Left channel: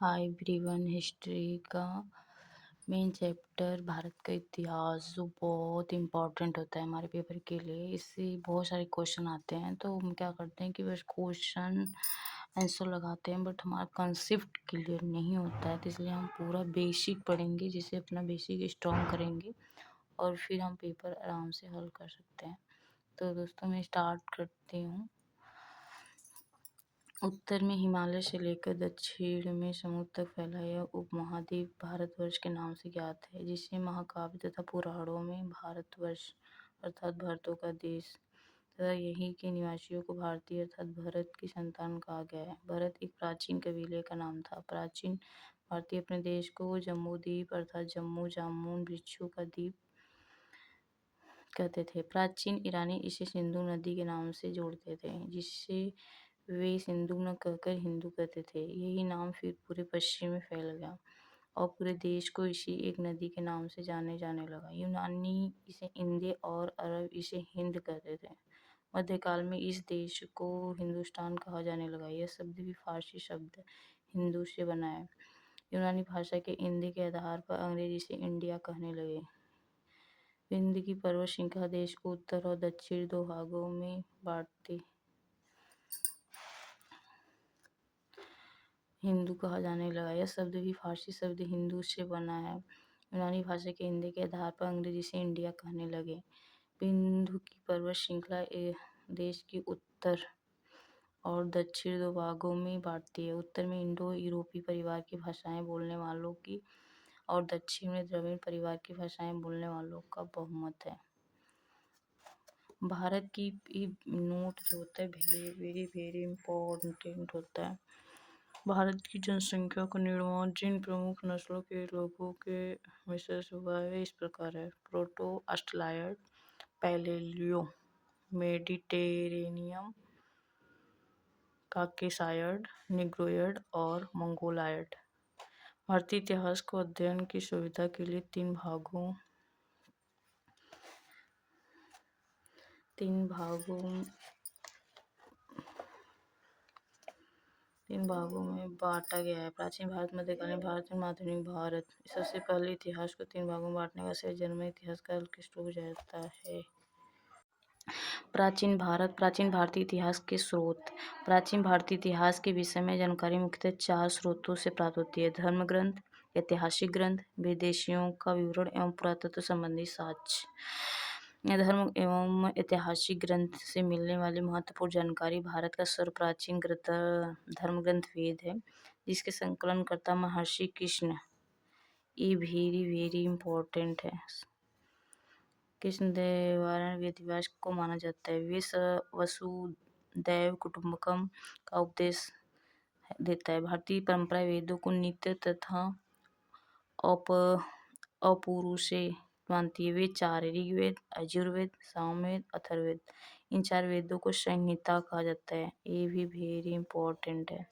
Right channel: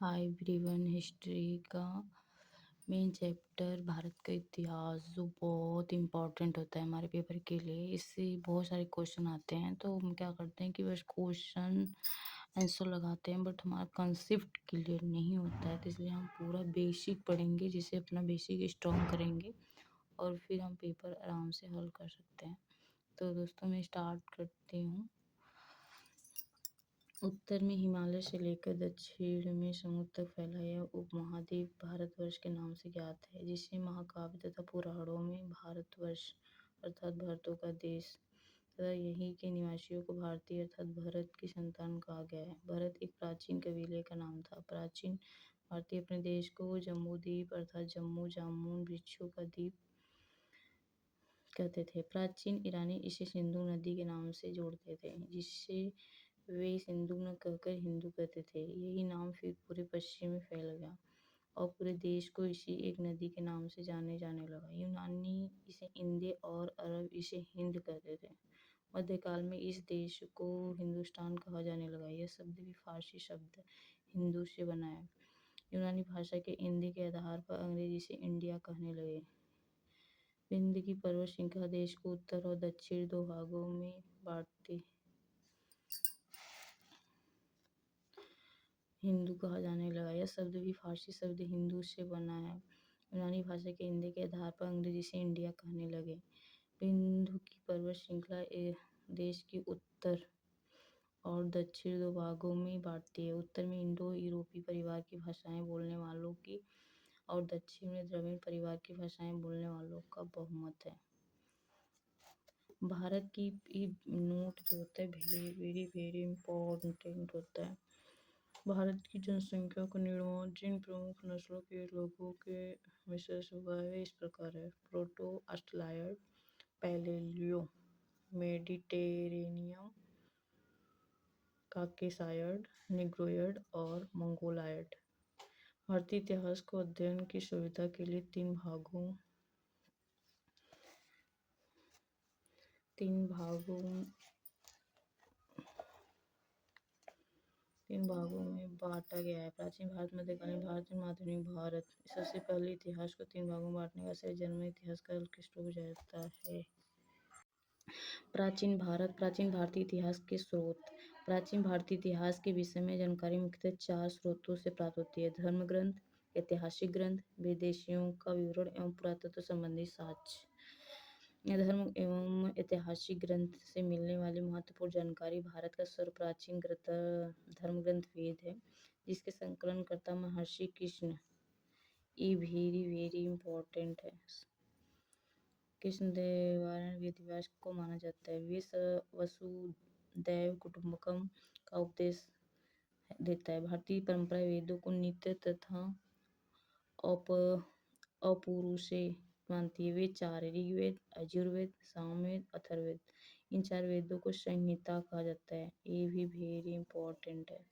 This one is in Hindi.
Hi everyone. हिस्ट्री का मेन चैप्टर भारत का इतिहास जो बहुत इम्पोर्टेंट होता है हमारे पेपर के लिए। इससे बहुत सारे क्वेश्चन आते हैं तो हम क्या करते हैं कि बस क्वेश्चन आंसर लगाते हैं, बट हमारा कंसेप्ट क्लियर नहीं होता है। तो इसलिए हम पूरा बेसिक पढ़ेंगे, जिससे अपना बेसिक स्ट्रॉन्ग करेंगे और फिर हम पेपर आराम से हल कर सकते हैं। तो दोस्तों मैं स्टार्ट करती हूँ। उत्तर में हिमालय से लेकर दक्षिण में समुद्र तक फैला यह उपमहाद्वीप भारतवर्ष के नाम से ज्ञात है, जिसे महाकाव्य तथा पुराणों में भारतवर्ष अर्थात भरतों का देश तथा यहीं के निवासियों को भारतीय अर्थात भरत की संतान कहा गया है। भरत एक प्राचीन कबीले का नाम था। प्राचीन भारतीय अपने देश को जम्बूद्वीप अर्थात जम्मू जामुन वृक्षों का द्वीप कहते थे। प्राचीन ईरानी इसे सिंधु नदी के नाम से जोड़ते थे, जिससे वे सिंधु न कहकर हिंदू कहते थे। यही नाम फिर पूरे पश्चिम में फैल गया और पूरे देश को इसी एक नदी के नाम से जाने लगा। यूनानी इसे इंदे और अरब इसे हिंद कहते थे। मध्यकाल में इस देश को हिंदुस्तान कहा जाने लगा। यह शब्द भी फारसी शब्द हिंदू से बना है। यूनानी भाषा के इंदे के आधार पर अंग्रेज इसे इंडिया कहने लगे। विंध्य की पर्वत श्रृंखला देश को उत्तर और दक्षिण दो भागों में बांटती हिंदू कहा जाने लगा। यह शब्द भी फारसी शब्द हिंदू से बना है। यूनानी भाषा के हिंदी के आधार पर अंग्रेजी से इंडिया कहने लगे। विंध्य की पर्वत श्रृंखला देश की उत्तर और दक्षिण दो भागों में बांटती है। उत्तर में इंडो यूरोपीय परिवार की भाषाएं बोलने वालों की और दक्षिण में द्रविड़ परिवार की भाषाएं बोलने वालों का बहुमत है। भारत की नोट जो होता है वेरी वेरी इम्पोर्टेंट होता है। भारत की जनसंख्या का निर्माण जिन प्रमुख नस्लों के लोगों के मिश्रण से हुआ है इस प्रकार है। प्रोटो ऑस्ट्रेलियड, पैलेलियो, मेडिटेरेनियन, काकेसायड, निग्रोयड और मंगोलायड। भारतीय इतिहास को अध्ययन की सुविधा के लिए तीन भागों में बांटा गया है। प्राचीन भारत, मध्यकालीन भारत और आधुनिक भारत। सबसे पहले इतिहास को तीन भागों में बांटने का श्रेय जन्म इतिहास का उत्कृष्ट हो जाता है। प्राचीन भारत। प्राचीन भारतीय इतिहास के स्रोत। प्राचीन भारतीय इतिहास के विषय में जानकारी मुख्यतः चार स्रोतों से प्राप्त होती है: धर्म ग्रंथ, ऐतिहासिक ग्रंथ, विदेशियों का विवरण एवं पुरातत्व संबंधी साक्ष्य। धर्म एवं ऐतिहासिक ग्रंथ से मिलने वाली महत्वपूर्ण जानकारी। भारत का सर्वप्राचीन धर्म ग्रंथ वेद है, जिसके संकलनकर्ता महर्षि कृष्ण। ये वेरी इम्पोर्टेंट है। कृष्णदेवराय वेदव्यास को माना जाता है। वे वसुदैव कुटुंबकम का उपदेश देता है। भारतीय परंपरा वेदों को नित्य तथा अपौरुषेय मानती है। वे चार ऋग्वेद, यजुर्वेद, सामवेद, अथर्ववेद। इन चार वेदों को संहिता कहा जाता है। ये भी वेरी इम्पोर्टेंट है।